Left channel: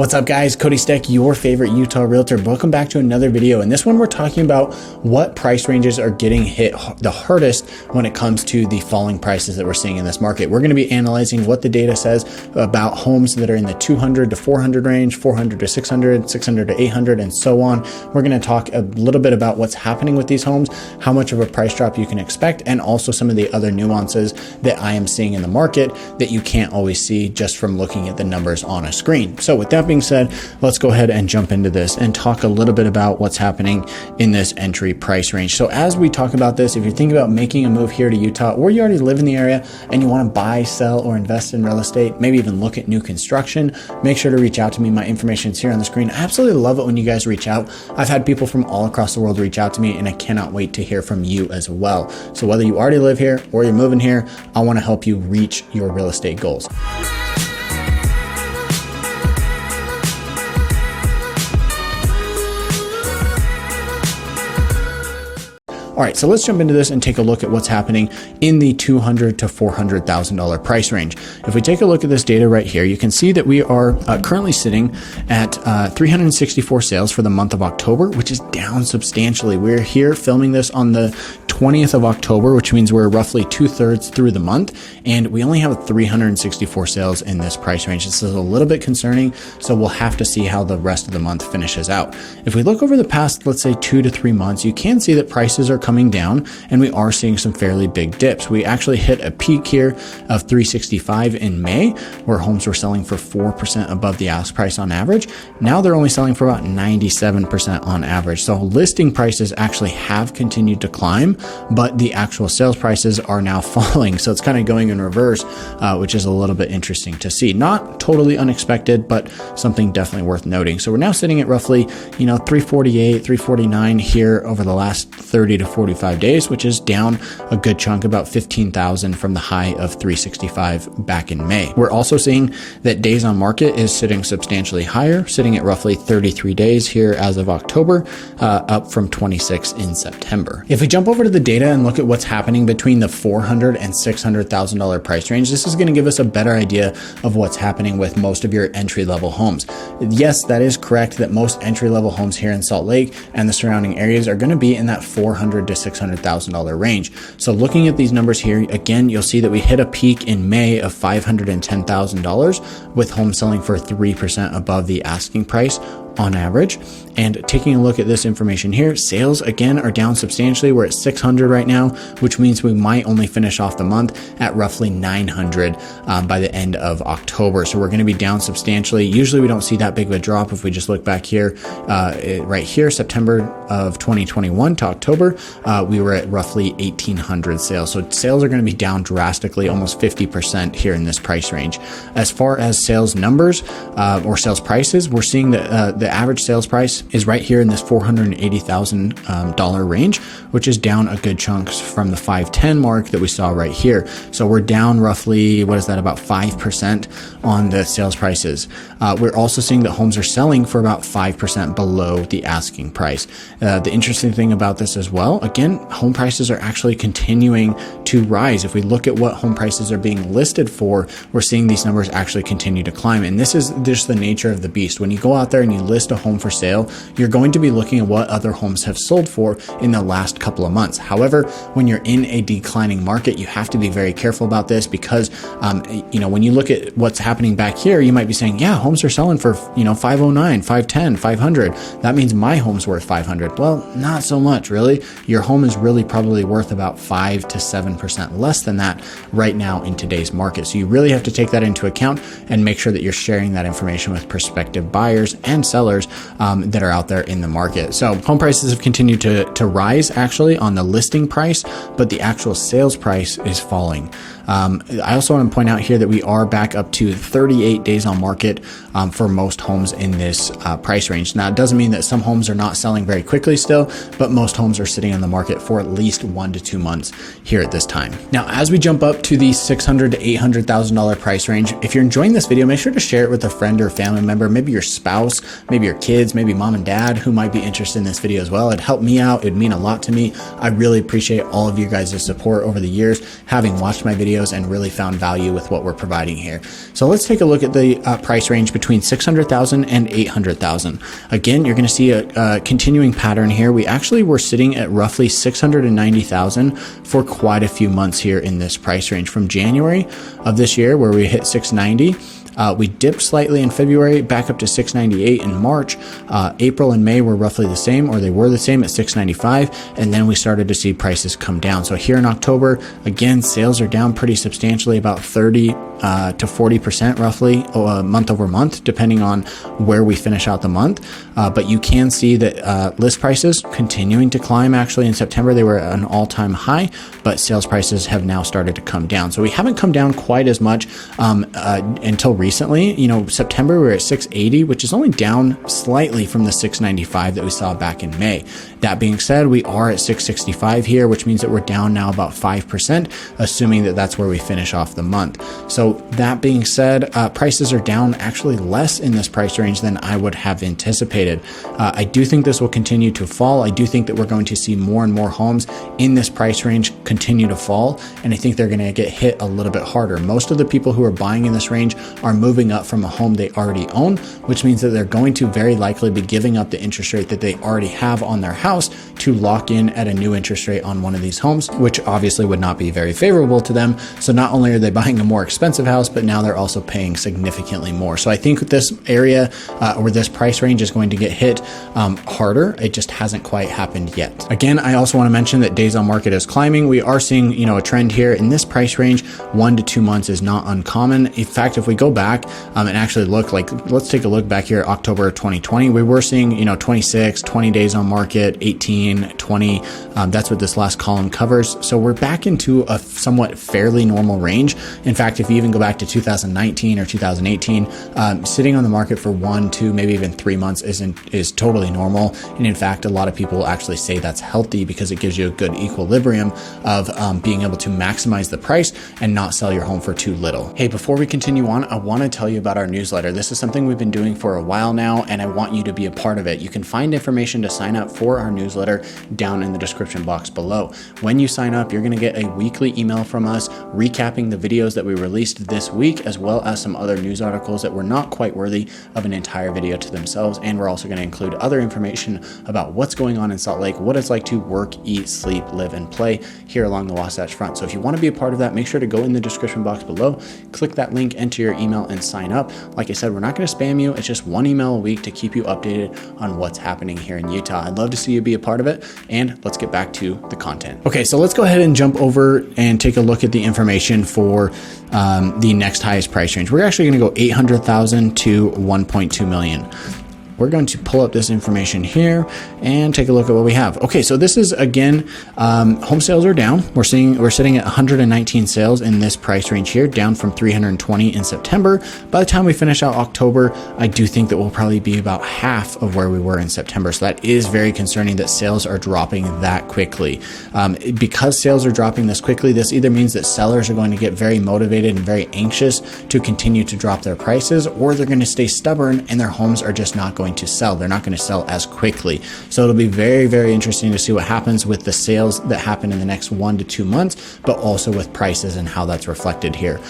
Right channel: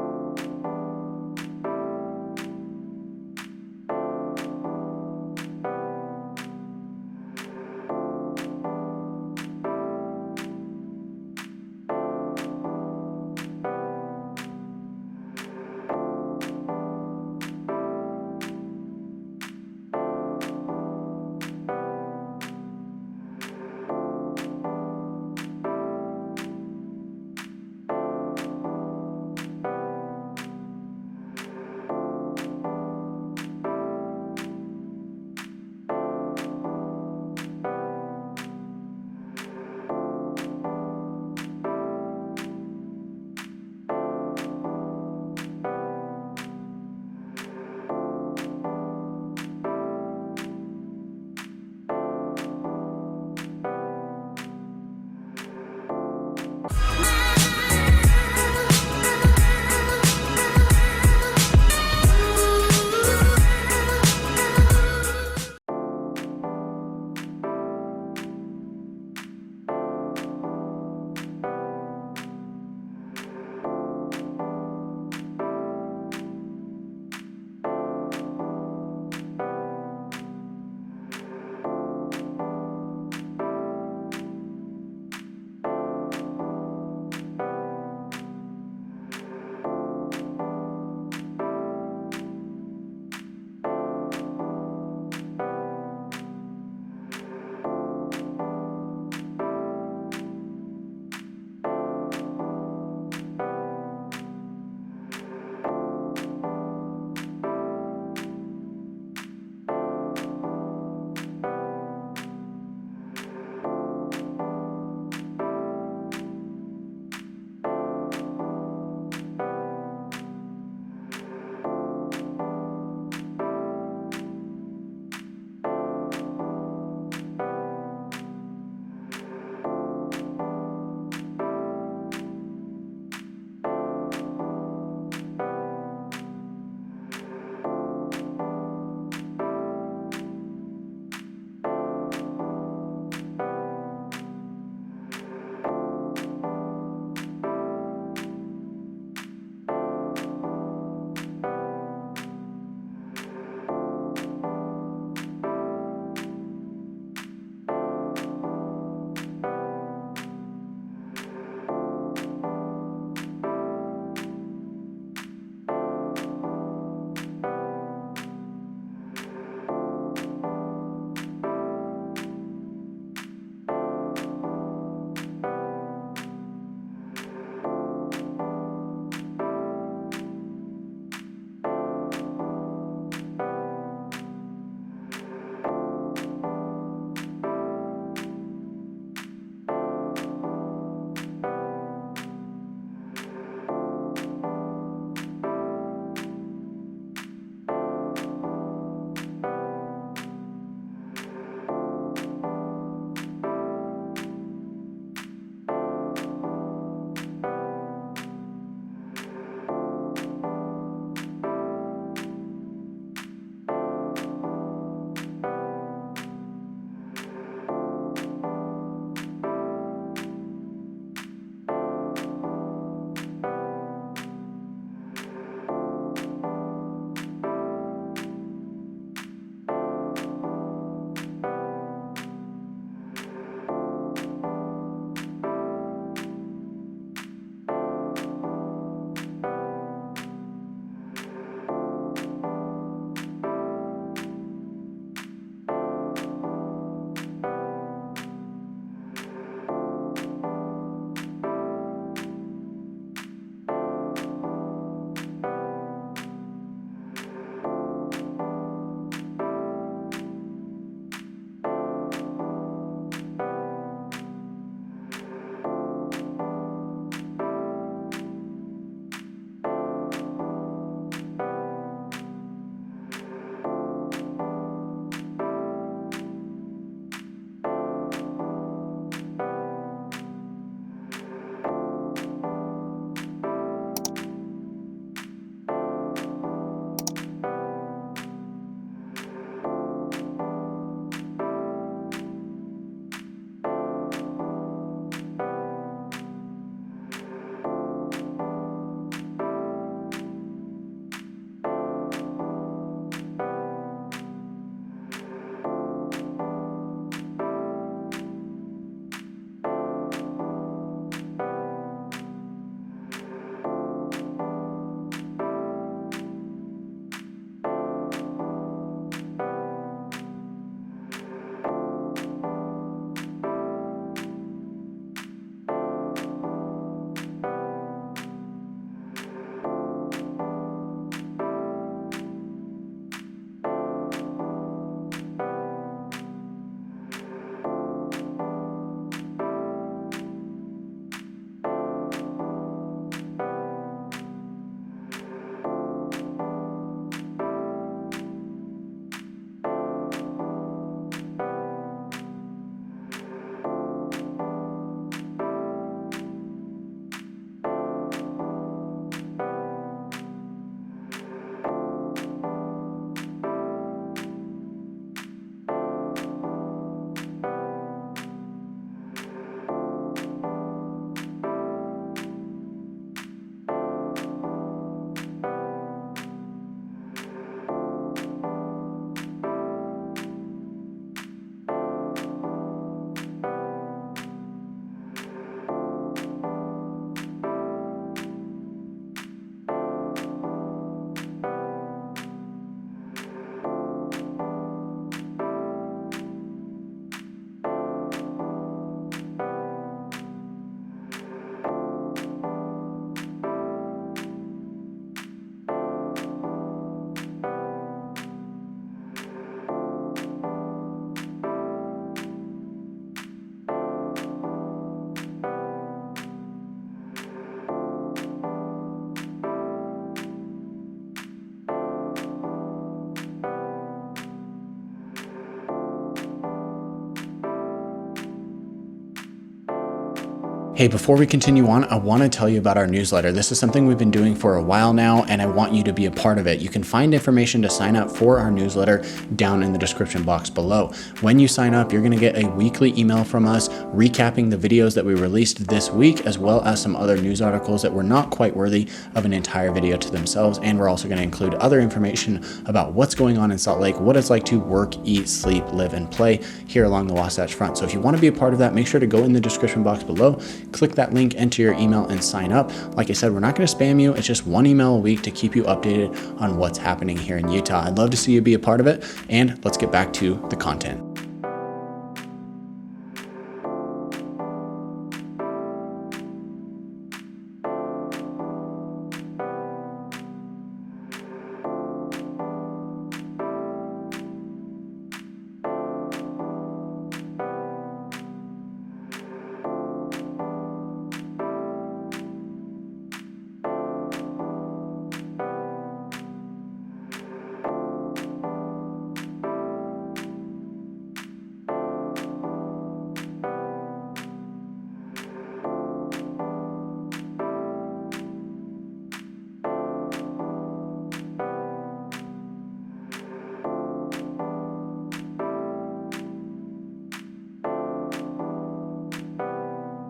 What's up guys, Cody Steck, your favorite Utah realtor. Welcome back to another video. In this one, we're talking about what price ranges are getting hit the hardest when it comes to the falling prices that we're seeing in this market. We're gonna be analyzing what the data says about homes that are in the 200 to 400 range, 400 to 600, 600 to 800, and so on. We're gonna talk a little bit about what's happening with these homes, how much of a price drop you can expect, and also some of the other nuances that I am seeing in the market that you can't always see just from looking at the numbers on a screen. So with that being said, let's go ahead and jump into this and talk a little bit about what's happening in this entry price range. So as we talk about this, if you're thinking about making a move here to Utah, or you already live in the area and you want to buy, sell, or invest in real estate, maybe even look at new construction, make sure to reach out to me. My information is here on the screen. I absolutely love it when you guys reach out. I've had people from all across the world reach out to me, and I cannot wait to hear from you as well. So whether you already live here or you're moving here, I want to help you reach your real estate goals. All right, so let's jump into this and take a look at what's happening in the $200,000 to $400,000 price range. If we take a look at this data right here, you can see that we are currently sitting at 364 sales for the month of October, which is down substantially. We're here filming this on the 20th of October, which means we're roughly 2/3 through the month, and we only have 364 sales in this price range. This is a little bit concerning, so we'll have to see how the rest of the month finishes out. If we look over the past, let's say 2 to 3 months, you can see that prices are coming down, and we are seeing some fairly big dips. We actually hit a peak here of 365 in May, where homes were selling for 4% above the ask price on average. Now they're only selling for about 97% on average. So listing prices actually have continued to climb, but the actual sales prices are now falling. So it's kind of going in reverse, which is a little bit interesting to see. Not totally unexpected, but something definitely worth noting. So we're now sitting at roughly, 348, 349 here over the last 30 to 45 days, which is down a good chunk, about 15,000 from the high of 365 back in May. We're also seeing that days on market is sitting substantially higher, sitting at roughly 33 days here as of October, up from 26 in September. If we jump over to the data and look at what's happening between the $400,000 and $600,000 price range, this is going to give us a better idea of what's happening with most of your entry-level homes. Yes, that is correct that most entry-level homes here in Salt Lake and the surrounding areas are going to be in that $400,000 to $600,000 range. So looking at these numbers here, again, you'll see that we hit a peak in May of $510,000 with homes selling for 3% above the asking price on average. And taking a look at this information here, sales again are down substantially. We're at 600 right now, which means we might only finish off the month at roughly 900 by the end of October. So we're going to be down substantially. Usually we don't see that big of a drop. If we just look back here, right here, September of 2021 to October, we were at roughly 1,800 sales. So sales are going to be down drastically, almost 50% here in this price range. As far as sales numbers or sales prices, we're seeing that the average sales price is right here in this $480,000 range, which is down a good chunk from the 510 mark that we saw right here. So we're down roughly, what is that, about 5% on the sales prices. We're also seeing that homes are selling for about 5% below the asking price. The interesting thing about this as well, again, home prices are actually continuing to rise. If we look at what home prices are being listed for, we're seeing these numbers actually continue to climb. And this is just the nature of the beast. When you go out there and you list a home for sale, you're going to be looking at what other homes have sold for in the last couple of months. However, when you're in a declining market, you have to be very careful about this because, when you look at what's happening back here, you might be saying, yeah, homes are selling for, 509, 510, 500. That means my home's worth 500. Well, not so much, really. Your home is really probably worth about 5 to 7% less than that right now in today's market. So you really have to take that into account and make sure that you're sharing that information with prospective buyers and sellers that are out there in the market. So home prices have continued to rise actually on the listing price, but the actual sales price is falling. I also want to point out here that we are back up to 38 days on market for most homes in this price range. Now, it doesn't mean that some homes are not selling very quickly still, but most homes are sitting on the market for at least 1 to 2 months here at this time. Now, as we jump up to the $600,000 to $800,000 price range, if you're enjoying this video, make sure to share it with a friend or family member, maybe your spouse, maybe your kids, maybe mom and dad who might be interested in this video as well. It'd help me out. It'd mean a lot to me. I really appreciate all of you guys' support over the years, having watched my videos videos and really found value with what we're providing here. So let's take a look at the price range between 600,000 and 800,000. Again, you're going to see a continuing pattern here. We actually were sitting at roughly 690,000 for quite a few months here in this price range, from January of this year where we hit 690. We dipped slightly in February, back up to 698 in March. April and May were roughly the same, or they were the same at 695. And then we started to see prices come down. So here in October, again, sales are down pretty substantially, about 30 to 40% roughly month over month, depending on where we finish out the month. But you can see that list prices continuing to climb. Actually, in September, they were at an all-time high, but sales prices have now started to come down. So we haven't come down quite as much until recently. You know, September we were at 680, which is only down slightly from the 695 that we saw back in May. That being said, we are at 665 here, which means that we're down now about 5%, assuming that that's where we finish off the month. So that being said, prices are down actually less in this price range than I would have anticipated. I do think this will continue to fall. I do think that we're going to see more and more homes in this price range continue to fall, and I think they're going to get hit a little bit harder. Most of the people who are buying in this range are moving up from a home they already own, which means that they're going to very likely be giving up the interest rate that they already have on their house to lock in at a new interest rate on one of these homes, which obviously would not be very favorable to them. So not only are they buying a more expensive house, but now they're also paying significantly more. So I think this area or this price range is going to get hit harder. It just hasn't quite happened yet. Again, I also want to mention that days on market is climbing. We are seeing, you know, a trend here in this price range. 1 to 2 months is not uncommon. In fact, if we go back and actually look, like, let's take a look back here, October 2020, we were seeing, you know, 26, 20 days on market, 18, 20. That's what this last column covers. So we're back into a somewhat fairly normal range. In fact, if you even go back to 2019 or 2018, sitting on the market for 1, 2, maybe even 3 months is totally normal. And in fact, a lot of people actually say that's healthy because it gives you a good equilibrium of being able to maximize the price and not sell your home for too little. Hey, before we continue on, I want to tell you about our newsletter. This is something we've been doing for a while now, and I want you to be a part of it. You can find information to sign up for our newsletter down in the description box below. When you sign up, you're going to get a weekly email from us recapping the videos that we released this week, as well as some other news articles that were not quite worthy of an entire video to themselves. And we're also going to include other information about what's going on in Salt Lake, what it's like to work, eat, sleep, live, and play here along the Wasatch Front. So if you want to be a part of that, make sure to go in the description box below, click that link, enter your email, and sign up. Like I said, we're not going to spam you. It's just 1 email a week to keep you updated on what's happening here in Utah. I'd love to see you be a part of it, and let's get back to the content. Okay, so let's go ahead and jump over and take a look at the information for the next highest price range. We're actually going to go 800,000 to 1.2 million. We're going to pull up this information here and take a look at what we have. Okay, so this is, again, home sales are down. We're sitting at 119 sales in this price range here, down from 320 in September. By the time we finish out October, I do think that we'll probably be about half of where we were in September. So that is very concerning that sales are dropping that quickly. Because sales are dropping this quickly, this either means that sellers are going to get very motivated and very anxious to continue to drop their prices, or they're going to stay stubborn and their homes are just not going to sell. They're not going to sell as quickly. So it'll be very, very interesting to see what happens with the sales that happen in the next 1 to 2 months, but also with prices and how that's reflected here.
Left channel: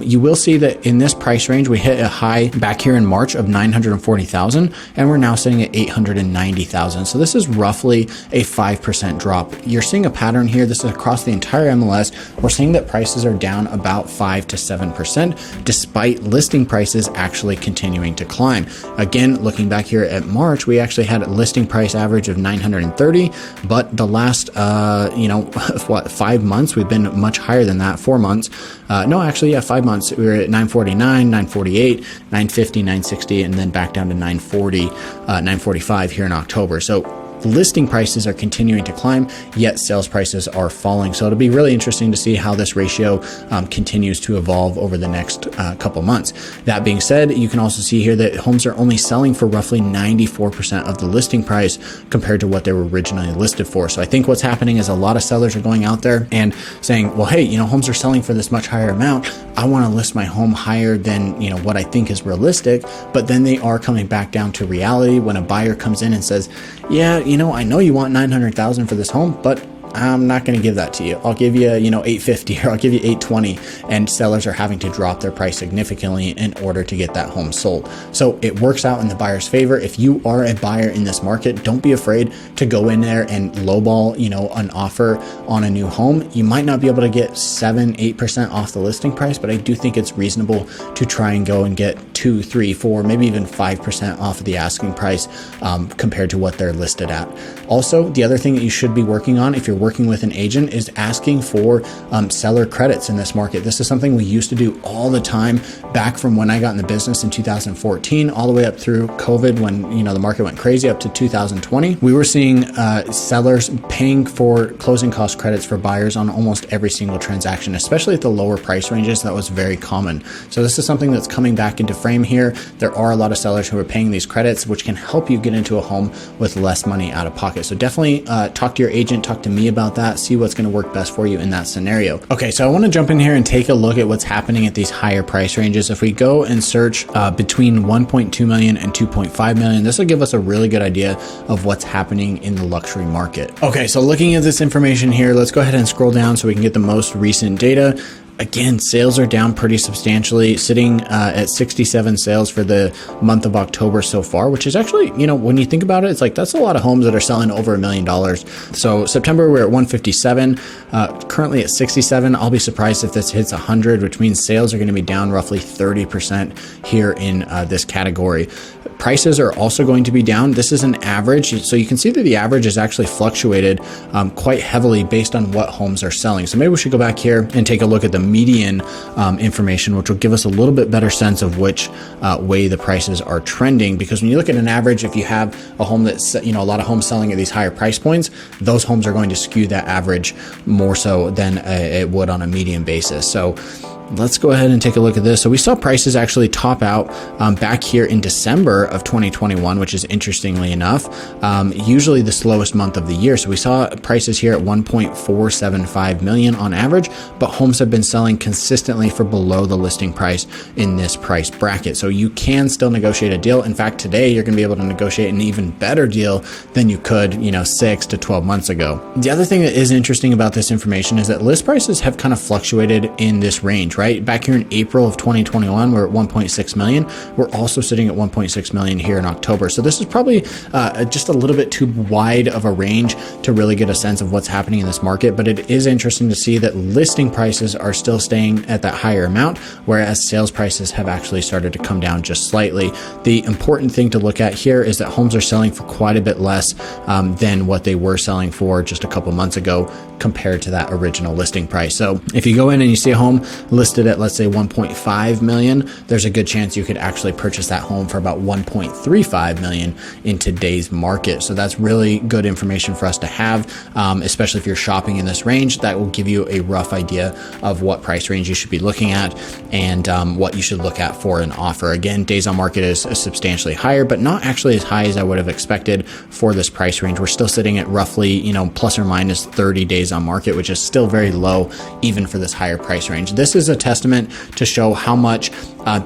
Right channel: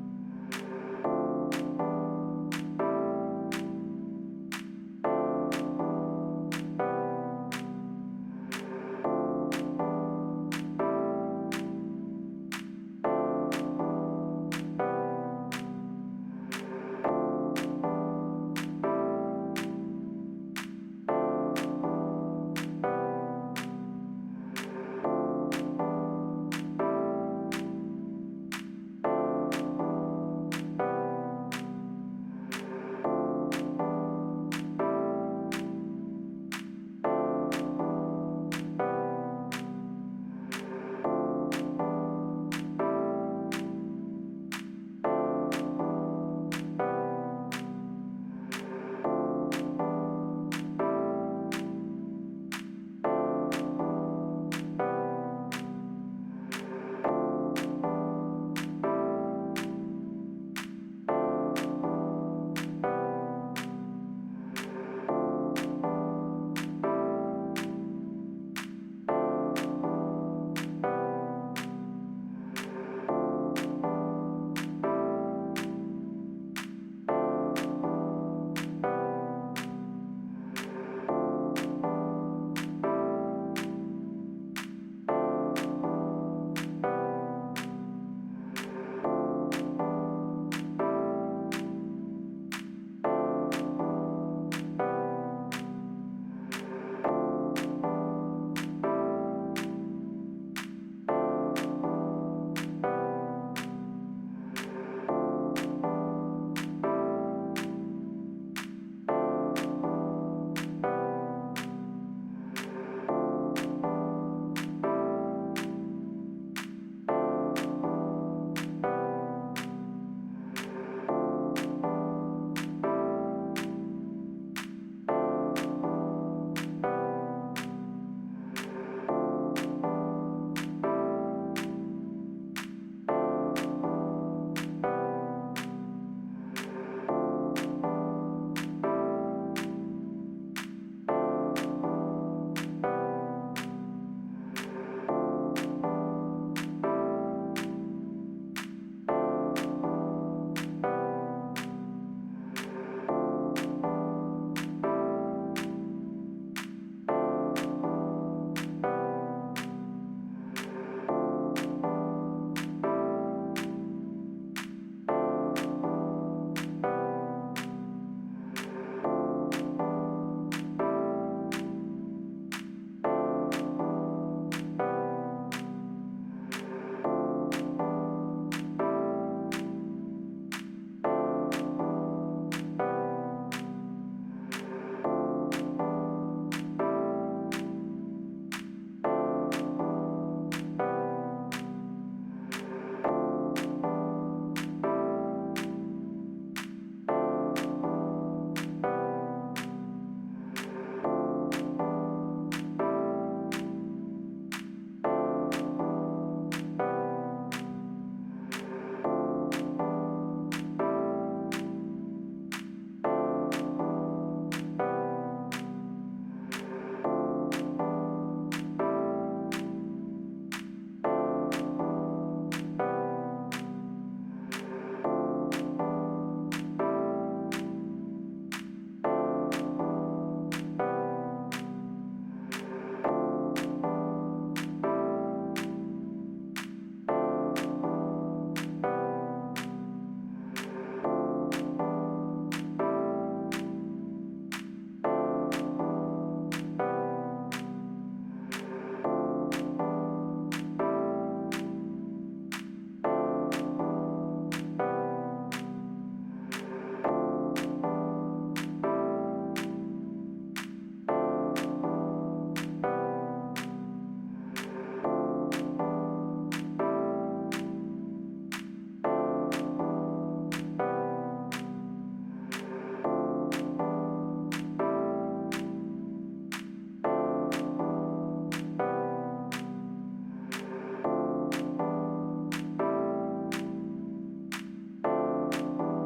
You will see that in this price range, we hit a high back here in March of 940,000, and we're now sitting at 890,000. So this is roughly a 5% drop. You're seeing a pattern here. This is across the entire MLS. We're seeing that prices are down about 5 to 7%, despite listing prices actually continuing to climb. Again, looking back here at March, we actually had a listing price average of 930, but the last, 5 months, we've been much higher than that. 4 months. 5 months. We were at 949, 948, 950, 960, and then back down to 940, 945 here in October. So listing prices are continuing to climb, yet sales prices are falling. So it'll be really interesting to see how this ratio continues to evolve over the next couple months. That being said, you can also see here that homes are only selling for roughly 94% of the listing price compared to what they were originally listed for. So I think what's happening is a lot of sellers are going out there and saying, well, hey, homes are selling for this much higher amount. I want to list my home higher than, what I think is realistic. But then they are coming back down to reality when a buyer comes in and says, yeah, I know you want 900,000 for this home, but I'm not going to give that to you. I'll give you, 850 or I'll give you 820. And sellers are having to drop their price significantly in order to get that home sold. So it works out in the buyer's favor. If you are a buyer in this market, don't be afraid to go in there and lowball, an offer on a new home. You might not be able to get 7-8% off the listing price, but I do think it's reasonable to try and go and get 2, 3, 4, maybe even 5% off of the asking price compared to what they're listed at. Also, the other thing that you should be working on if you're working with an agent is asking for seller credits in this market. This is something we used to do all the time back from when I got in the business in 2014, all the way up through COVID when the market went crazy up to 2020. We were seeing sellers paying for closing cost credits for buyers on almost every single transaction, especially at the lower price ranges. That was very common. So this is something that's coming back into frame here. There are a lot of sellers who are paying these credits, which can help you get into a home with less money out of pocket. So definitely talk to your agent, talk to me about that, see what's going to work best for you in that scenario. Okay, so I want to jump in here and take a look at what's happening at these higher price ranges. If we go and search between 1.2 million and 2.5 million, this will give us a really good idea of what's happening in the luxury market. Okay, so looking at this information here, let's go ahead and scroll down so we can get the most recent data. Again, sales are down pretty substantially, sitting at 67 sales for the month of October so far, which is actually, when you think about it, it's like that's a lot of homes that are selling over $1 million. So September, we're at 157, currently at 67. I'll be surprised if this hits 100, which means sales are going to be down roughly 30% here in this category. Prices are also going to be down. This is an average. So you can see that the average is actually fluctuated quite heavily based on what homes are selling. So maybe we should go back here and take a look at the median information, which will give us a little bit better sense of which way the prices are trending. Because when you look at an average, if you have a home that's, a lot of homes selling at these higher price points, those homes are going to skew that average more so than it would on a median basis. So let's go ahead and take a look at this. So we saw prices actually top out back here in December of 2021, which is interestingly enough, usually the slowest month of the year. So we saw prices here at 1.475 million on average, but homes have been selling consistently for below the listing price in this price bracket. So you can still negotiate a deal. In fact, today you're going to be able to negotiate an even better deal than you could, 6 to 12 months ago. The other thing that is interesting about this information is that list prices have kind of fluctuated in this range, right? Back here in April of 2021, we're at 1.6 million. We're also sitting at 1.6 million here in October. So this is probably just a little bit too wide of a range to really get a sense of what's happening in this market. But it is interesting to see that listing prices are still staying at that higher amount, whereas sales prices have actually started to come down just slightly. The important thing to look at here is that homes are selling for quite a bit less than what they were selling for just a couple months ago compared to that original listing price. So if you go in and you see a home listed at, let's say, 1.5 million, there's a good chance you could actually purchase that home for about 1.35 million in today's market. So that's really good information for us to have, especially if you're shopping in this range. That will give you a rough idea of what price range you should be looking at and what you should look at for an offer. Again, days on market is substantially higher, but not actually as high as I would have expected for this price range. We're still sitting at roughly, plus or minus 30 days on market, which is still very low even for this higher price range. This is a testament to show how much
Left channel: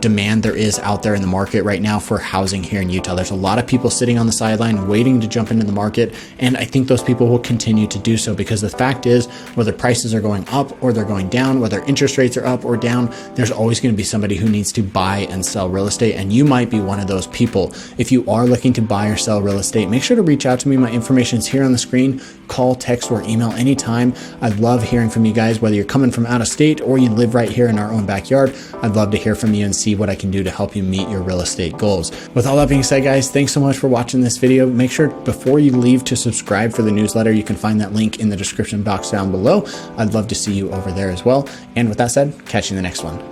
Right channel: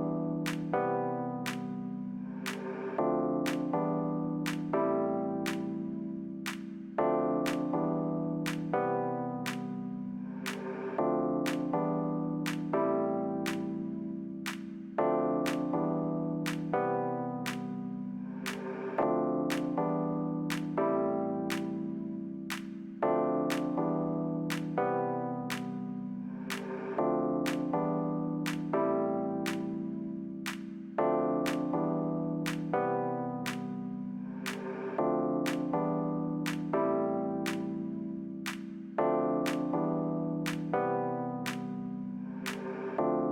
demand there is out there in the market right now for housing here in Utah. There's a lot of people sitting on the sideline waiting to jump into the market, and I think those people will continue to do so because the fact is, whether prices are going up or they're going down, whether interest rates are up or down, there's always going to be somebody who needs to buy and sell real estate, and you might be one of those people. If you are looking to buy or sell real estate, make sure to reach out to me. My information is here on the screen. Call, text, or email anytime. I'd love hearing from you guys, whether you're coming from out of state or you live right here in our own backyard. I'd love to hear from you and see what I can do to help you meet your real estate goals. With all that being said, guys, thanks so much for watching this video. Make sure before you leave to subscribe for the newsletter. You can find that link in the description box down below. I'd love to see you over there as well. And with that said, catch you in the next one.